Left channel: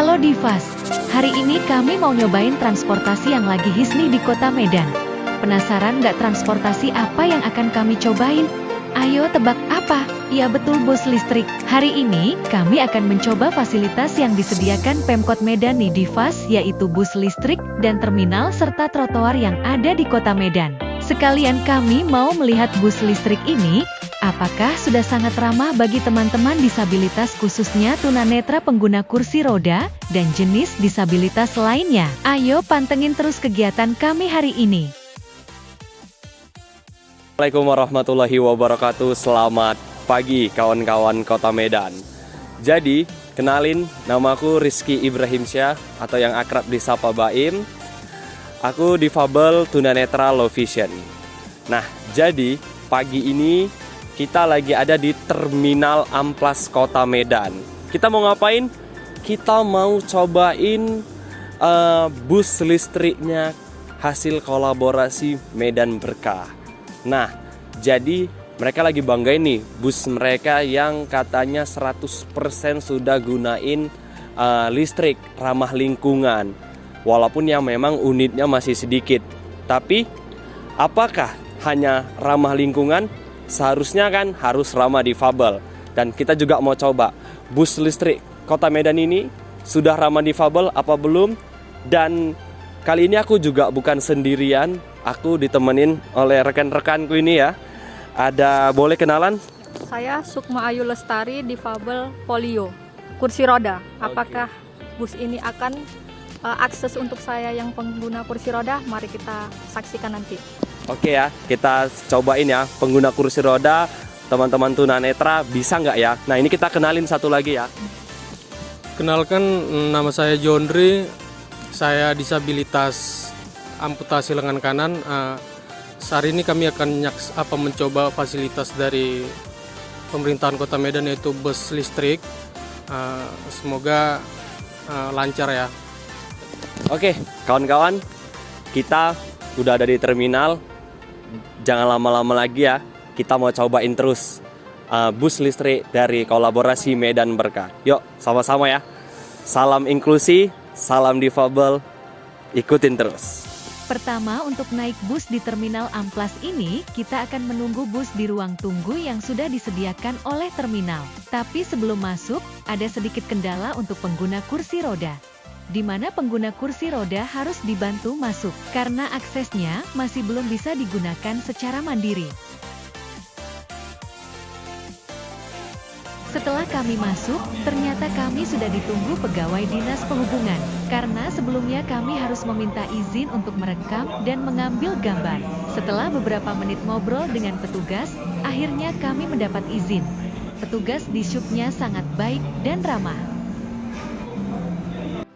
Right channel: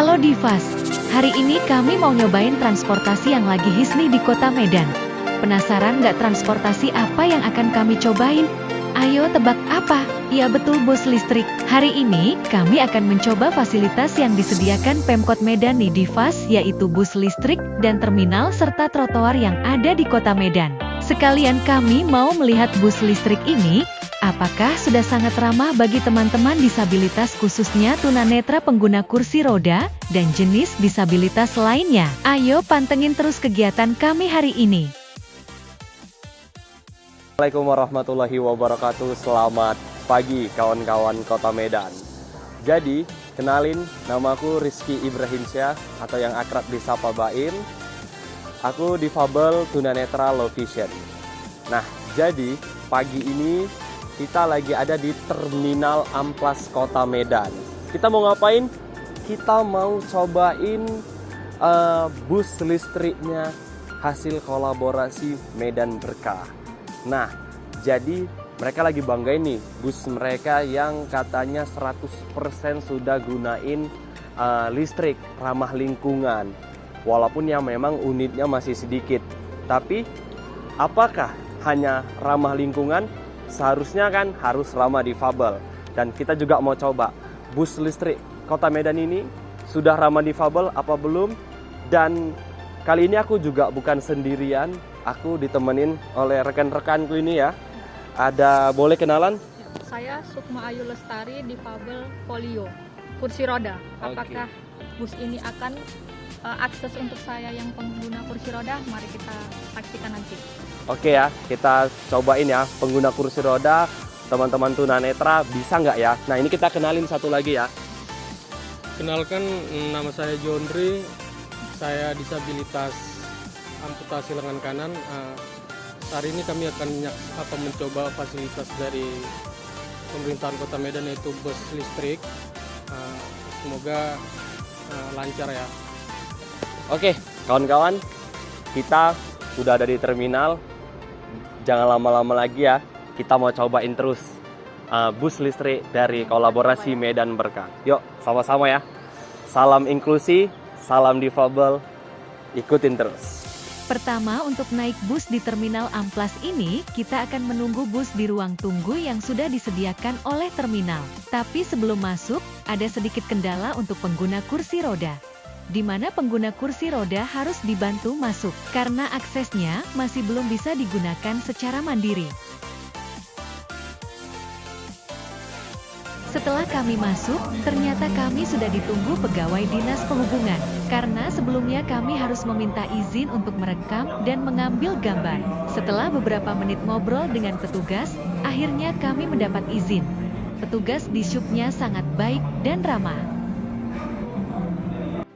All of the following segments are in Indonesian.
Halo Divas, hari ini kami mau nyobain transportasi yang lagi hits nih di kota Medan. Penasaran nggak transportasi apa yang akan kami cobain? Ayo tebak apa? Iya betul, bus listrik. Hari ini kami akan mencoba fasilitas yang disediakan Pemkot Medan nih Divas, yaitu bus listrik dan terminal serta trotoar yang ada di kota Medan. Sekalian kami mau melihat bus listrik ini. Apakah sudah sangat ramah bagi teman-teman disabilitas khususnya tunanetra pengguna kursi roda dan jenis disabilitas lainnya? Ayo pantengin terus kegiatan kami hari ini. Assalamualaikum warahmatullahi wabarakatuh. Selamat pagi kawan-kawan kota Medan. Jadi, kenalin, namaku Rizky Ibrahimsyah atau yang akrab disapa Baim. Aku difabel tunanetra low vision. Nah, jadi pagi ini kita lagi ada di Terminal Amplas Kota Medan. Kita mau ngapain? Kita mau cobain bus listriknya hasil kolaborasi Medan Berkah. Nah, jadi mereka lagi banggain nih bus mereka yang katanya 100% sudah gunain listrik ramah lingkungan. Walaupun yang memang unitnya masih sedikit. Tapi apakah hanya ramah lingkungan? Seharusnya kan harus ramah difabel. Dan kita juga mau coba bus listrik Kota Medan ini sudah ramah difabel apa belum. Dan kali ini aku juga bukan sendirian, aku ditemenin oleh rekan-rekanku ini ya. Ada, boleh kenalan? Saya Sukma Ayu Lestari, difabel polio, kursi roda. Apakah bus ini akan akses untuk saya yang pengguna kursi roda? Mari kita saksikan nanti. Oke ya, kita cobain ya, pengguna kursi roda, teman-teman tunanetra bisa nggak ya? Nah ini kita kenalin satu lagi ya. Kenalkan, nama saya Jondri, saya disabilitas amputasi lengan kanan. Saat ini kami akan mencoba fasilitas dari pemerintahan Kota Medan yaitu bus listrik. Semoga lancar ya. Oke, kawan-kawan, kita udah ada di terminal. Jangan lama-lama lagi ya, kita mau cobain terus bus listrik dari kolaborasi Medan Berkah. Yuk, sama-sama ya. Salam inklusi, salam difabel, ikutin terus. Pertama, untuk naik bus di Terminal Amplas ini, kita akan menunggu bus di ruang tunggu yang sudah disediakan oleh terminal. Tapi sebelum masuk, ada sedikit kendala untuk pengguna kursi roda, di mana pengguna kursi roda harus dibantu masuk, karena aksesnya masih belum bisa digunakan secara mandiri. Setelah kami masuk, ternyata kami sudah ditunggu pegawai Dinas Perhubungan, karena sebelumnya kami harus meminta izin untuk merekam dan mengambil gambar. Setelah beberapa menit ngobrol dengan petugas, akhirnya kami mendapat izin. Petugas di subnya sangat baik dan ramah.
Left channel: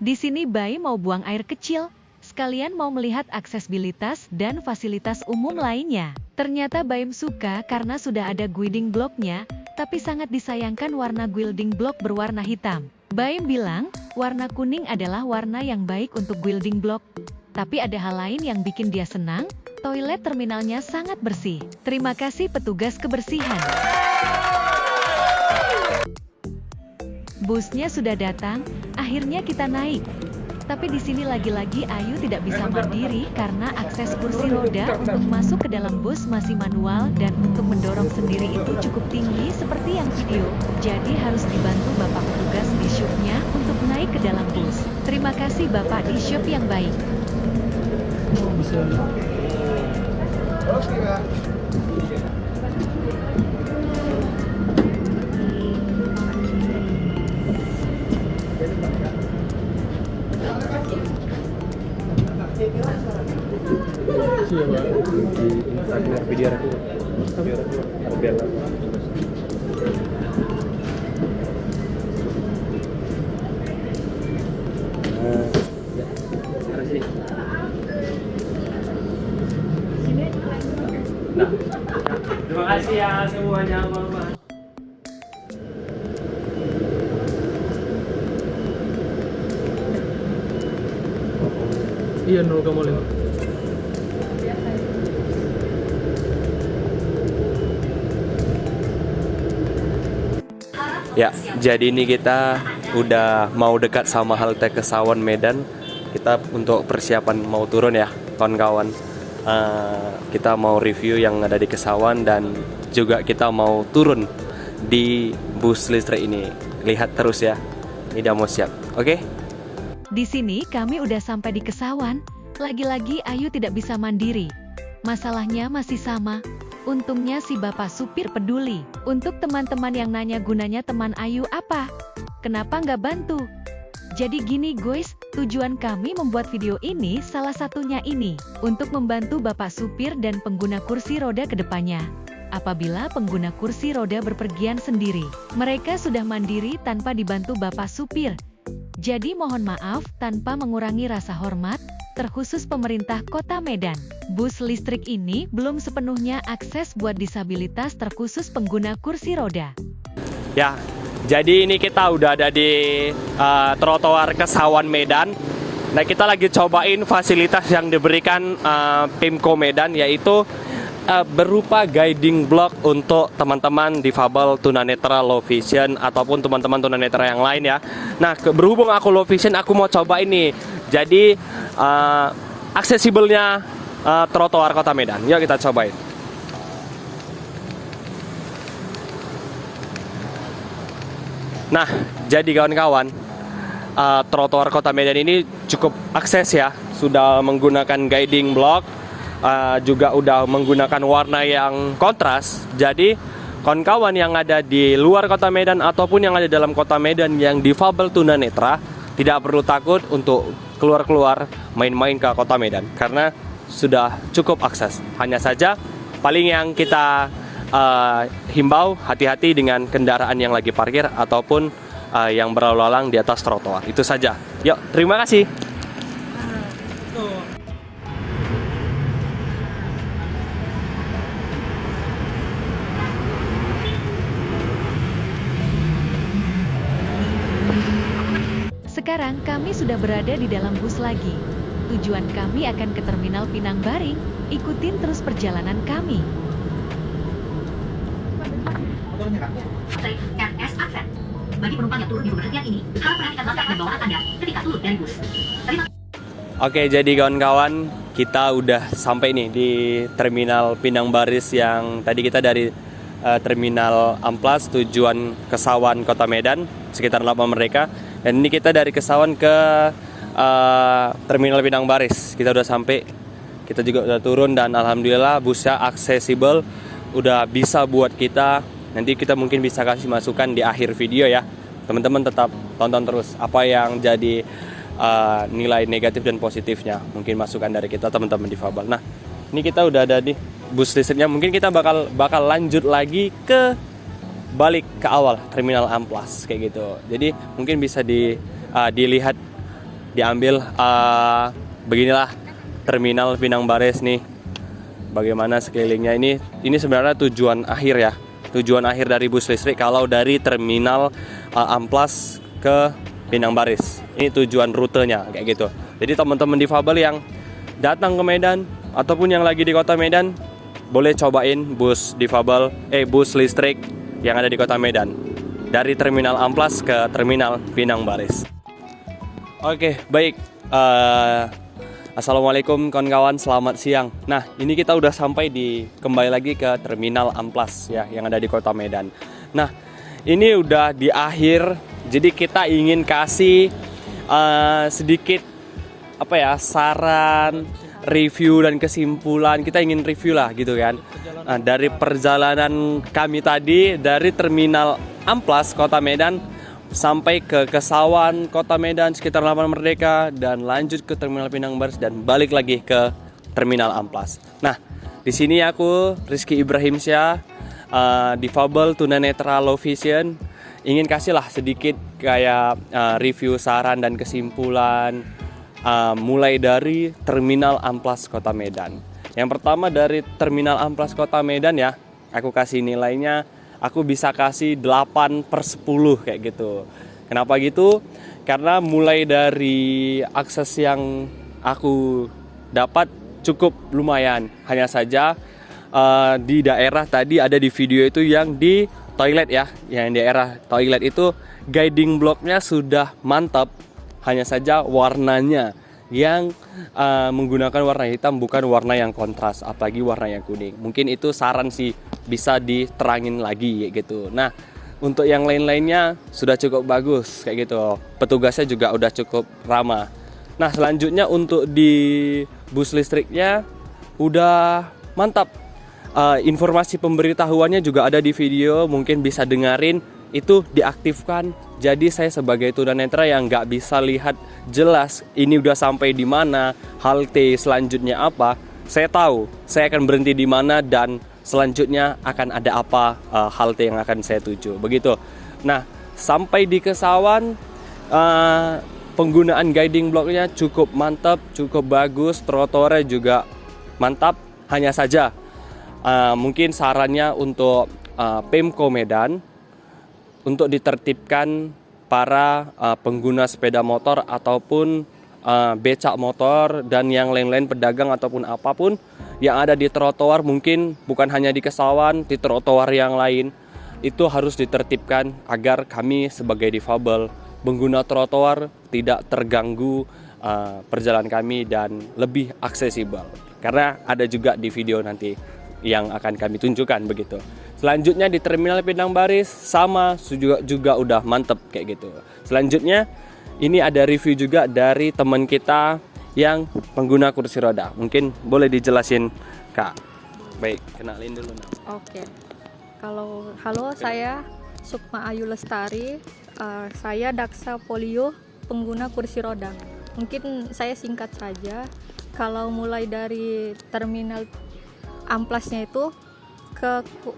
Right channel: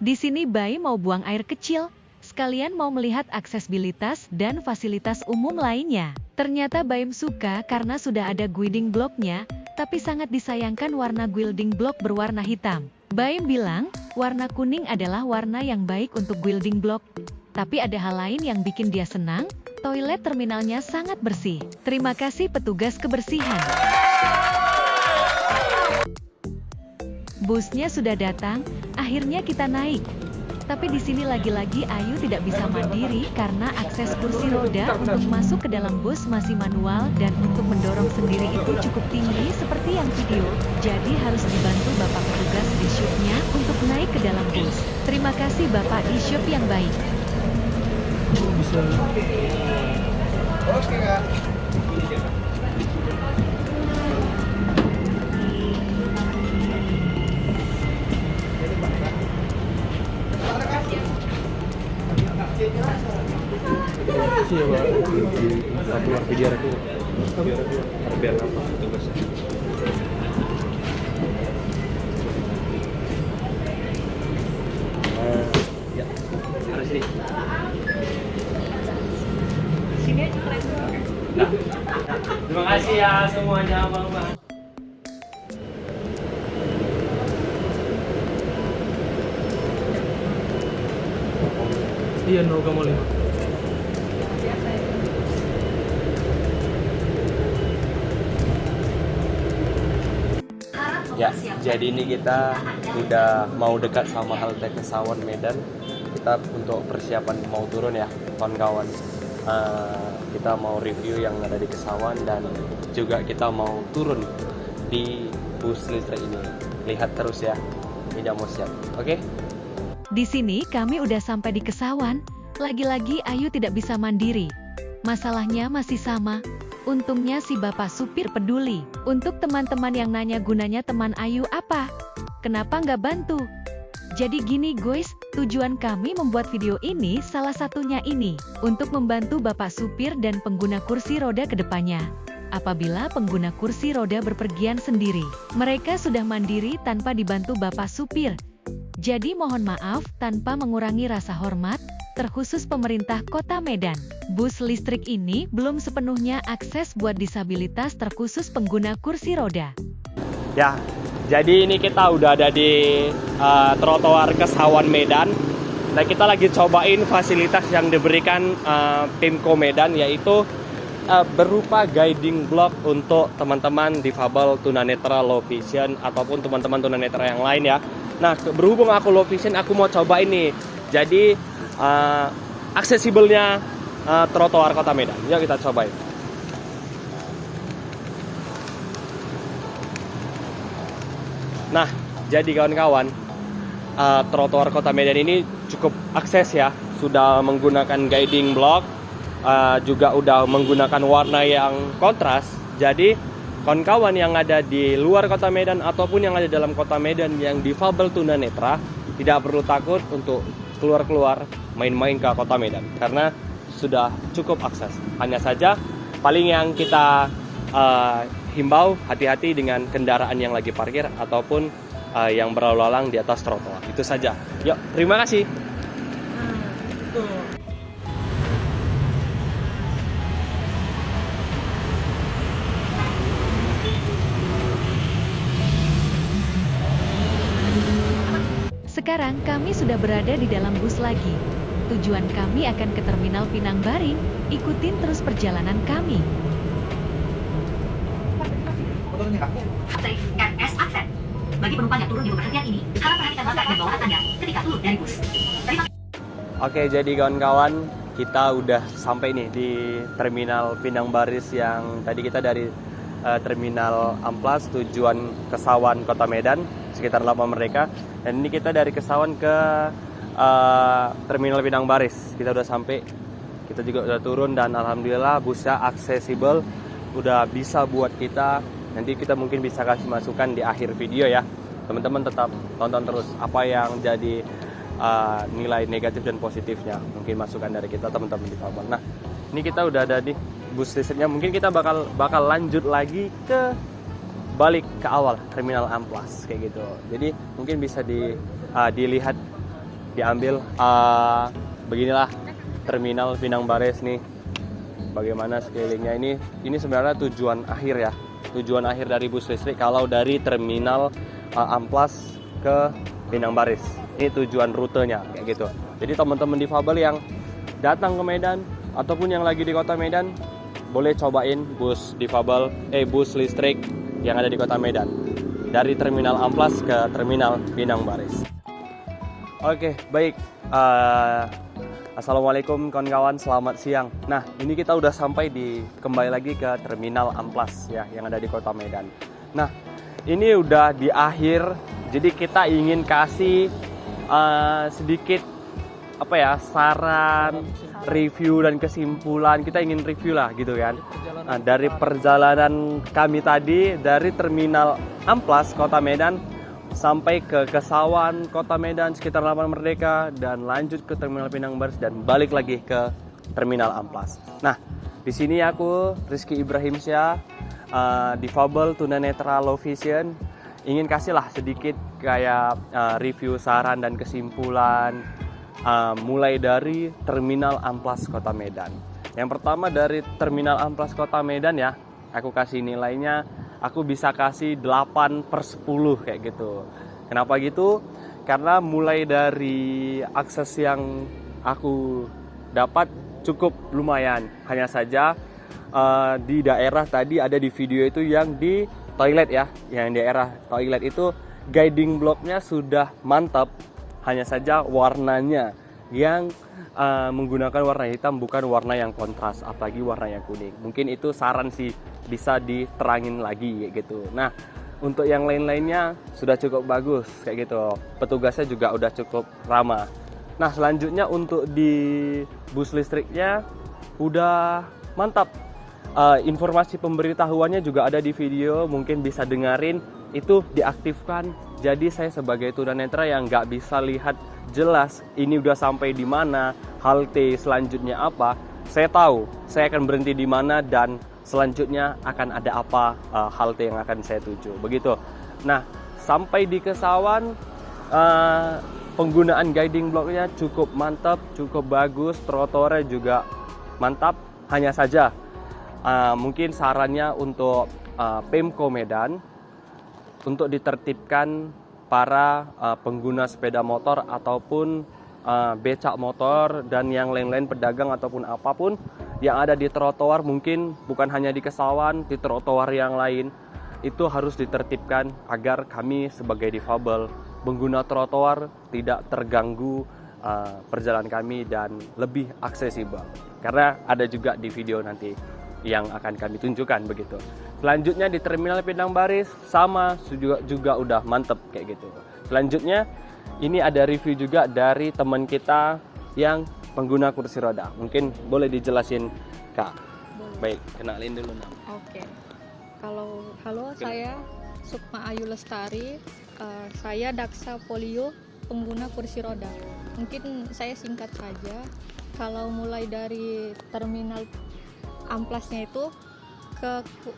Di sini Bayi mau buang air kecil, sekalian mau melihat aksesibilitas dan fasilitas umum lainnya. Ternyata Baim suka karena sudah ada guiding blocknya, tapi sangat disayangkan warna guiding block berwarna hitam. Baim bilang, warna kuning adalah warna yang baik untuk guiding block. Tapi ada hal lain yang bikin dia senang, toilet terminalnya sangat bersih. Terima kasih petugas kebersihan. Busnya sudah datang, akhirnya kita naik. Tapi di sini lagi-lagi Ayu tidak bisa mandiri karena akses kursi roda untuk masuk ke dalam bus masih manual dan untuk mendorong sendiri itu cukup tinggi seperti yang video. Jadi harus dibantu Bapak petugas di shopnya untuk naik ke dalam bus. Terima kasih Bapak di shop yang baik. Iya, Pak. Video biar apa? Ya, harus nih. Sini aja keren. Nah, terima kasih ya semuanya, Bang. Iya, 0,5. Ya, jadi ini kita udah mau dekat sama halte Kesawan Medan. Kita untuk persiapan mau turun ya, kawan-kawan. Kita mau review yang ada di Kesawan dan juga kita mau turun di bus listrik ini. Lihat terus ya, ini udah mau siap, oke? Di sini kami udah sampai di Kesawan. Lagi-lagi Ayu tidak bisa mandiri. Masalahnya masih sama. Untungnya si bapak supir peduli. Untuk teman-teman yang nanya gunanya teman Ayu apa? Kenapa nggak bantu? Jadi gini guys, tujuan kami membuat video ini salah satunya ini, untuk membantu bapak supir dan pengguna kursi roda ke depannya. Apabila pengguna kursi roda berpergian sendiri, mereka sudah mandiri tanpa dibantu bapak supir. Jadi mohon maaf tanpa mengurangi rasa hormat, terkhusus pemerintah Kota Medan. Bus listrik ini belum sepenuhnya akses buat disabilitas terkhusus pengguna kursi roda. Ya, jadi ini kita udah ada di trotoar Kesawan Medan. Nah, kita lagi cobain fasilitas yang diberikan Pemko Medan, yaitu berupa guiding block untuk teman-teman difabel, tunanetra, low vision, ataupun teman-teman tunanetra yang lain ya. Nah, berhubung aku low vision, aku mau coba ini. Jadi aksesibelnya trotoar Kota Medan. Yuk kita cobain. Nah, jadi kawan-kawan, trotoar Kota Medan ini cukup akses ya. Sudah menggunakan guiding block, juga udah menggunakan warna yang kontras. Jadi kawan-kawan yang ada di luar Kota Medan ataupun yang ada dalam Kota Medan yang difabel tunanetra tidak perlu takut untuk keluar-keluar main-main ke Kota Medan karena sudah cukup akses. Hanya saja paling yang kita himbau hati-hati dengan kendaraan yang lagi parkir ataupun yang berlalu lalang di atas trotoar. Itu saja. Yuk, terima kasih. Sekarang kami sudah berada di dalam bus lagi. Tujuan kami akan ke Terminal Pinang Baring. Ikutin terus perjalanan kami. RS Aksen. Bagi penumpang yang turun di pemberhentian ini, harap perhatikan langkah dan bawaan Anda ketika turun dari bus. Oke, jadi kawan-kawan, kita udah sampai nih di Terminal Pinang Baris yang tadi kita dari Terminal Amplas tujuan Kesawan Kota Medan, sekitar 8 mereka. Dan ini kita dari Kesawan ke Terminal Pinang Baris. Kita udah sampai, kita juga udah turun dan alhamdulillah busnya aksesibel, udah bisa buat kita. Nanti kita mungkin bisa kasih masukan di akhir video ya. Teman-teman tetap tonton terus apa yang jadi nilai negatif dan positifnya. Mungkin masukan dari kita teman-teman difabel. Nah, ini kita udah ada di bus listriknya. Mungkin kita bakal lanjut lagi ke balik ke awal Terminal Amplas kayak gitu. Jadi mungkin bisa dilihat, diambil beginilah Terminal Pinang Baris nih. Bagaimana sekelilingnya ini sebenarnya tujuan akhir ya. Tujuan akhir dari bus listrik kalau dari Terminal Amplas ke Pinang Baris. Ini tujuan rutenya kayak gitu. Jadi teman-teman difabel yang datang ke Medan ataupun yang lagi di Kota Medan boleh cobain bus listrik yang ada di Kota Medan dari Terminal Amplas ke Terminal Pinang Baris. Oke, baik. Assalamualaikum kawan-kawan, selamat siang. Nah, ini kita udah sampai kembali lagi ke Terminal Amplas ya yang ada di Kota Medan. Nah, ini udah di akhir. Jadi kita ingin kasih sedikit saran, review dan kesimpulan. Kita ingin review lah gitu kan. Nah, dari perjalanan kami tadi dari Terminal Amplas Kota Medan sampai ke Kesawan Kota Medan sekitar Lapangan Merdeka dan lanjut ke Terminal Pinang Baris dan balik lagi ke Terminal Amplas. Nah, di sini aku Rizky Ibrahimsyah, difabel tunanetra low vision, ingin kasih lah sedikit kayak review, saran dan kesimpulan mulai dari Terminal Amplas Kota Medan. Yang pertama dari Terminal Amplas Kota Medan ya, aku kasih nilainya, aku bisa kasih 8/10 kayak gitu. Kenapa gitu? Karena mulai dari akses yang aku dapat cukup lumayan. Hanya saja di daerah tadi ada di video itu yang di toilet ya, yang daerah toilet itu guiding blocknya sudah mantap, hanya saja warnanya yang menggunakan warna hitam, bukan warna yang kontras, apalagi warna yang kuning. Mungkin itu saran sih, bisa diterangin lagi gitu. Nah, untuk yang lain-lainnya sudah cukup bagus kayak gitu. Petugasnya juga udah cukup ramah. Nah, selanjutnya untuk di bus listriknya udah mantap. Informasi pemberitahuannya juga ada di video, mungkin bisa dengerin. Itu diaktifkan. Jadi saya sebagai tunanetra yang nggak bisa lihat jelas ini udah sampai di mana, halte selanjutnya apa, saya tahu saya akan berhenti di mana dan selanjutnya akan ada apa halte yang akan saya tuju. Begitu. Nah, sampai di Kesawan penggunaan guiding blocknya cukup mantap, cukup bagus, trotoarnya juga mantap. Hanya saja mungkin sarannya untuk Pemko Medan untuk ditertibkan para pengguna sepeda motor ataupun becak motor dan yang lain-lain, pedagang ataupun apapun yang ada di trotoar, mungkin bukan hanya di Kesawan, di trotoar yang lain itu harus ditertibkan agar kami sebagai difabel pengguna trotoar tidak terganggu perjalanan kami dan lebih aksesibel, karena ada juga di video nanti yang akan kami tunjukkan begitu. Selanjutnya di Terminal Pinang Baris sama juga udah mantep kayak gitu. Selanjutnya ini ada review juga dari teman kita yang pengguna kursi roda. Mungkin boleh dijelasin Kak. Baik, kenalin dulu nama. Oke. Halo, saya Sukma Ayu Lestari. Saya Daksa Polio, pengguna kursi roda. Mungkin saya singkat saja. Kalau mulai dari terminal amplasnya itu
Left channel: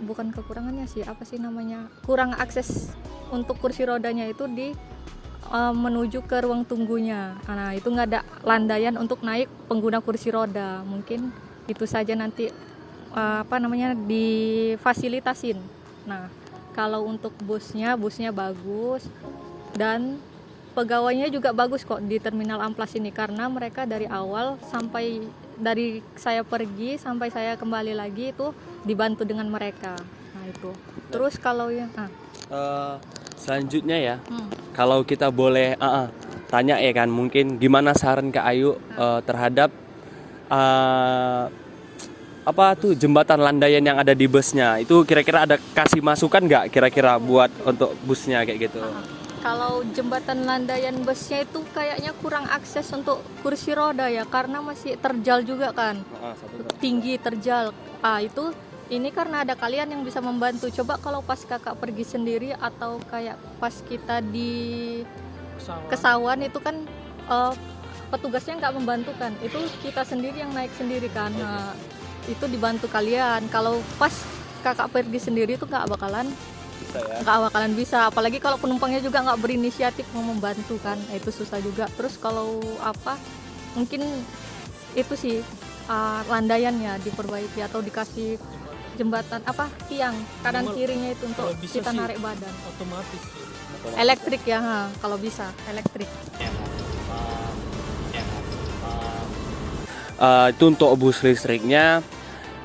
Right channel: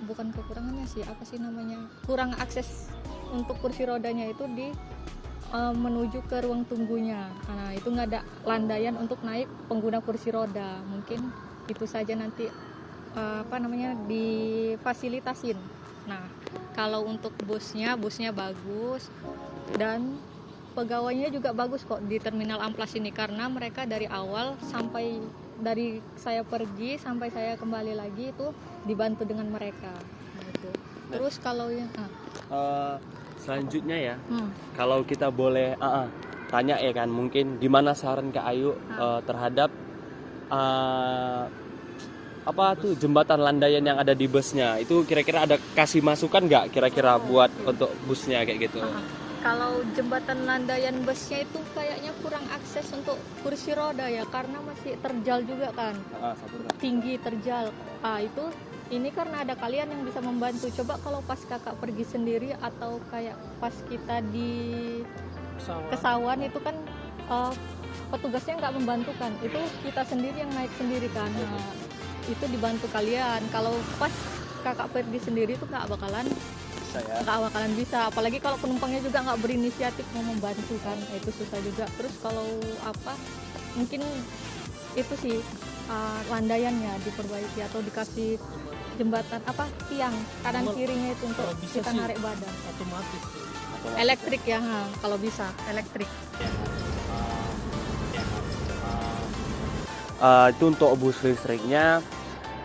bukan kekurangannya sih, apa sih namanya, kurang akses untuk kursi rodanya itu di menuju ke ruang tunggunya. Nah, itu nggak ada landaian untuk naik pengguna kursi roda. Mungkin itu saja nanti difasilitasin. Nah, kalau untuk busnya bagus dan pegawainya juga bagus kok di terminal amplas ini, karena mereka dari awal sampai dari saya pergi sampai saya kembali lagi itu dibantu dengan mereka. Nah, itu. Terus kalau yang selanjutnya ya, kalau kita boleh tanya ya kan, mungkin gimana saran Kak Ayu terhadap apa tuh jembatan landaian yang ada di busnya itu, kira-kira ada kasih masukan nggak kira-kira buat untuk busnya kayak gitu? Kalau jembatan landaian busnya itu kayaknya kurang akses untuk kursi roda ya, karena masih terjal juga kan, tinggi terjal. Itu ini karena ada kalian yang bisa membantu. Coba kalau pas kakak pergi sendiri atau kayak pas kita di Kesawan itu kan petugasnya nggak membantu kan, itu kita sendiri yang naik sendiri kan. Nah, itu dibantu kalian. Kalau pas kakak pergi sendiri itu nggak bakalan bisa, apalagi kalau penumpangnya juga nggak berinisiatif mau membantu kan, itu susah juga. Terus kalau mungkin itu sih landaiannya diperbaiki atau dikasih jembatan tiang kanan kirinya itu untuk kita narik badan otomatis. Elektrik ya, kalau bisa elektrik. Itu untuk bus listriknya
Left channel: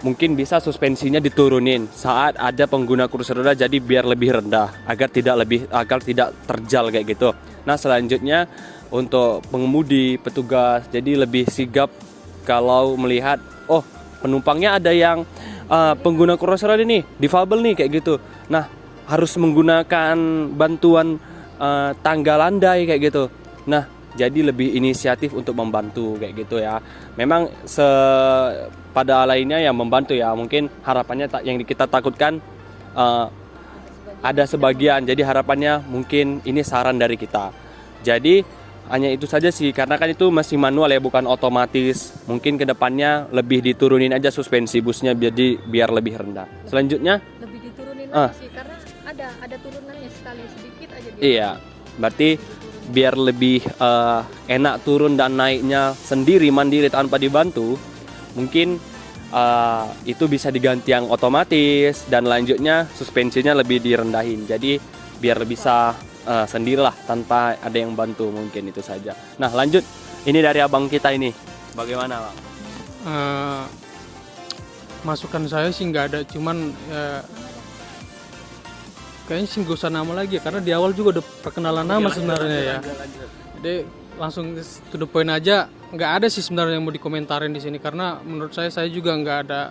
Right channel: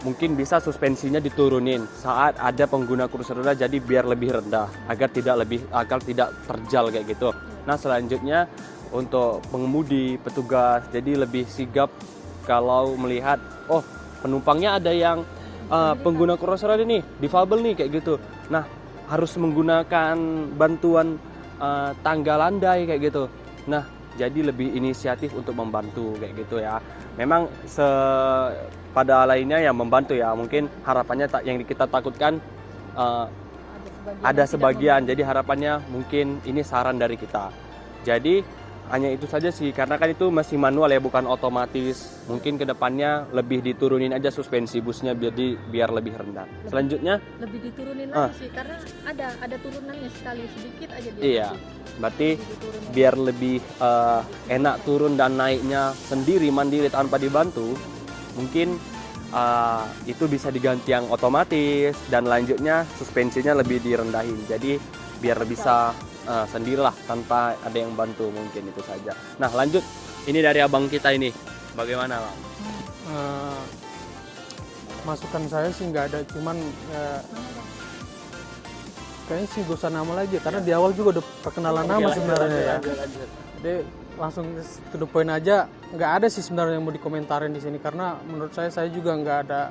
mungkin bisa suspensinya diturunin saat ada pengguna kursi roda, jadi biar lebih rendah agar tidak terjal kayak gitu. Nah, selanjutnya untuk pengemudi, petugas jadi lebih sigap kalau melihat penumpangnya ada yang pengguna kursi roda nih, difabel nih kayak gitu. Nah, harus menggunakan bantuan tangga landai kayak gitu. Nah, jadi lebih inisiatif untuk membantu kayak gitu ya. Memang pada lainnya yang membantu ya, mungkin harapannya yang kita takutkan ada sebagian. Jadi harapannya mungkin ini saran dari kita. Jadi hanya itu saja sih, karena kan itu masih manual ya, bukan otomatis. Mungkin kedepannya lebih diturunin aja suspensi busnya biar lebih rendah. Selanjutnya lebih diturunin sih, karena ada turunannya sekali sedikit aja dia. Iya, berarti biar lebih enak turun dan naiknya sendiri mandiri tanpa dibantu, mungkin itu bisa diganti yang otomatis dan lanjutnya suspensinya lebih direndahin. Jadi biar bisa sendirilah tanpa ada yang bantu, mungkin itu saja. Nah, lanjut, ini dari abang kita ini, bagaimana Bang? Masukan saya sih nggak ada, cuman kayaknya sih gak usah nama lagi ya, karena di awal juga udah perkenalan nama sebenarnya ya. Jadi langsung to the point aja, nggak ada sih sebenarnya yang mau dikomentarin di sini, karena menurut saya juga nggak ada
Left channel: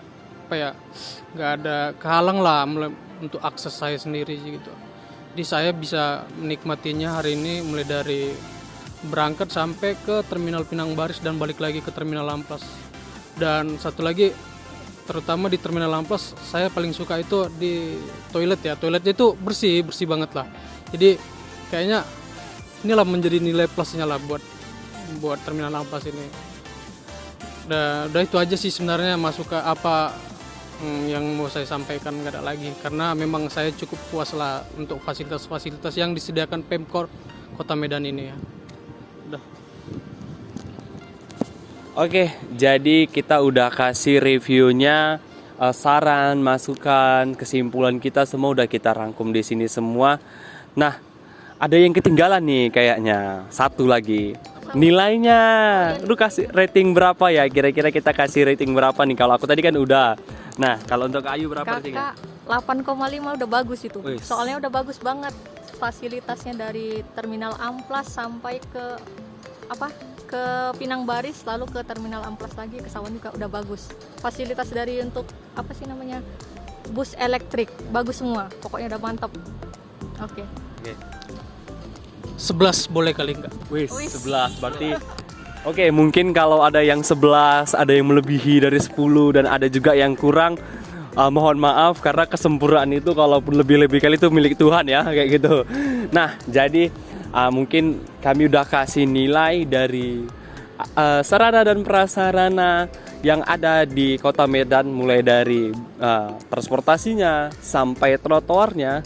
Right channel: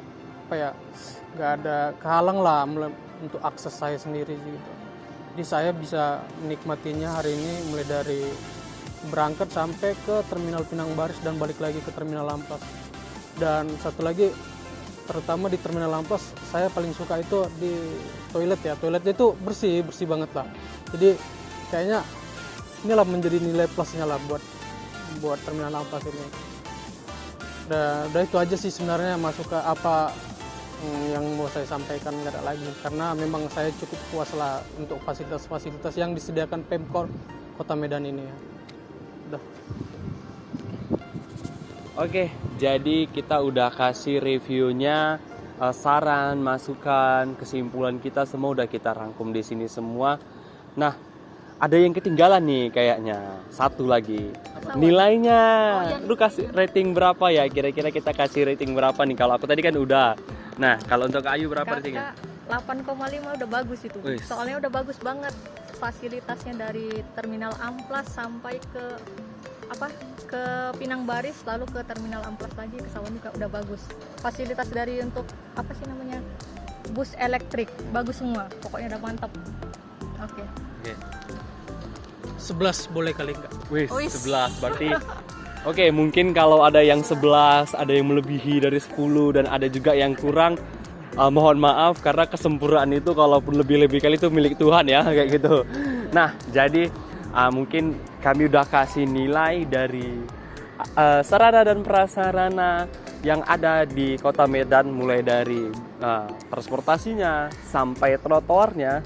nggak ada kehalang lah untuk akses saya sendiri gitu. Jadi saya bisa menikmatinya hari ini mulai dari berangkat sampai ke Terminal Pinang Baris dan balik lagi ke Terminal Amplas. Dan satu lagi, terutama di Terminal Amplas, saya paling suka itu di toilet ya. Toiletnya itu bersih banget lah. Jadi kayaknya inilah menjadi nilai plusnya lah buat Terminal Amplas ini. Udah itu aja sih sebenarnya, masuk ke apa yang mau saya sampaikan, nggak ada lagi, karena memang saya cukup puas lah untuk fasilitas-fasilitas yang disediakan Pemkor Kota Medan ini ya. Udah. Oke, jadi kita udah kasih reviewnya, saran, masukan, kesimpulan kita semua udah kita rangkum di sini semua. Nah, ada yang ketinggalan nih kayaknya, satu lagi. Nilainya, lu kasih rating berapa ya? Kira-kira kita kasih rating berapa nih? Kalau aku tadi kan udah. Nah, kalau untuk Ayu berapa ratingnya? 8,5 udah bagus itu. Wih. Soalnya udah bagus banget fasilitasnya dari Terminal Amplas sampai ke Pinang Baris, lalu ke Terminal Amplas lagi ke Sawan juga udah bagus. Fasilitas dari untuk bus elektrik bagus semua. Pokoknya udah mantap. Oke. 11 boleh kali enggak? Wih, 11 berarti. Oke, mungkin kalau ada yang 11, ada yang melebihi dari 10 dan ada juga yang kurang, mohon maaf karena kesempurnaan itu kalaupun lebih-lebih kali itu milik Tuhan ya, kayak gitu. Nah, jadi mungkin kami udah kasih nilai dari sarana dan prasarana yang ada di Kota Medan, mulai dari transportasinya sampai trotoarnya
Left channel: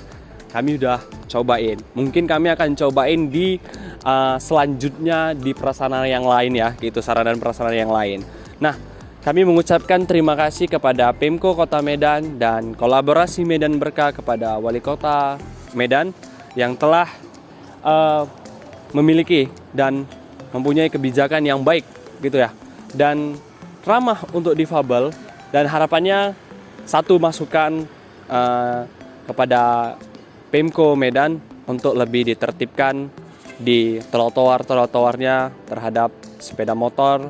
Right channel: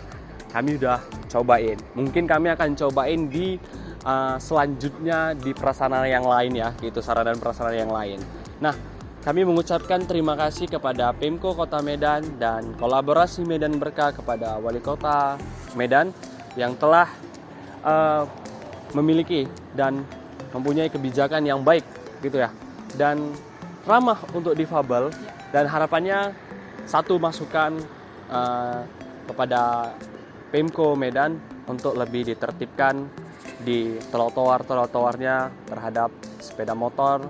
kami udah cobain. Mungkin kami akan cobain di selanjutnya di prasarana yang lain ya, gitu, sarana dan prasarana yang lain. Nah, kami mengucapkan terima kasih kepada Pemko Kota Medan dan kolaborasi Medan Berkah kepada Wali Kota Medan yang telah memiliki dan mempunyai kebijakan yang baik gitu ya, dan ramah untuk difabel, dan harapannya satu masukan kepada Pemko Medan untuk lebih ditertibkan di trotoar-trotoarnya terhadap sepeda motor,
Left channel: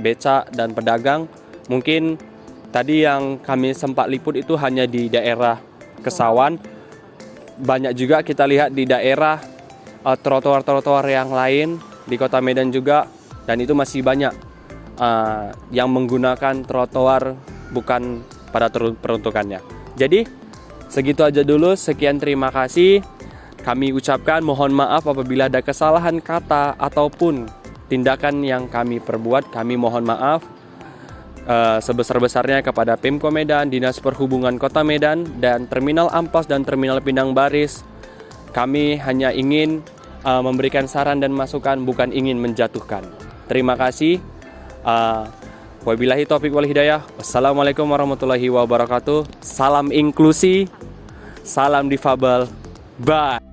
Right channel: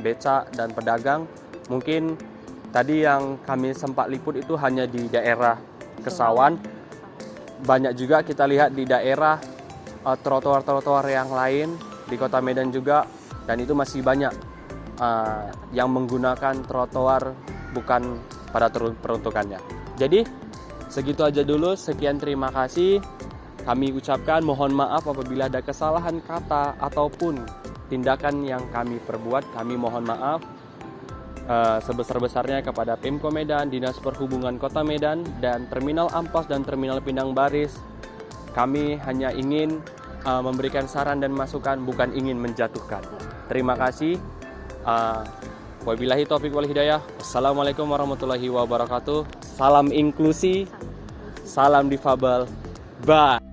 becak, dan pedagang. Mungkin tadi yang kami sempat liput itu hanya di daerah Kesawan. Banyak juga kita lihat di daerah trotoar-trotoar yang lain di Kota Medan juga, dan itu masih banyak yang menggunakan trotoar bukan pada peruntukannya. Jadi segitu aja dulu, sekian, terima kasih. Kami ucapkan mohon maaf apabila ada kesalahan kata ataupun tindakan yang kami perbuat. Kami mohon maaf sebesar-besarnya kepada Pemko Medan, Dinas Perhubungan Kota Medan, dan Terminal Amplas dan Terminal Pinang Baris. Kami hanya ingin memberikan saran dan masukan, bukan ingin menjatuhkan. Terima kasih. Wabillahi taufiq wal hidayah. Wassalamualaikum warahmatullahi wabarakatuh. Salam inklusi, salam difabel. Bye.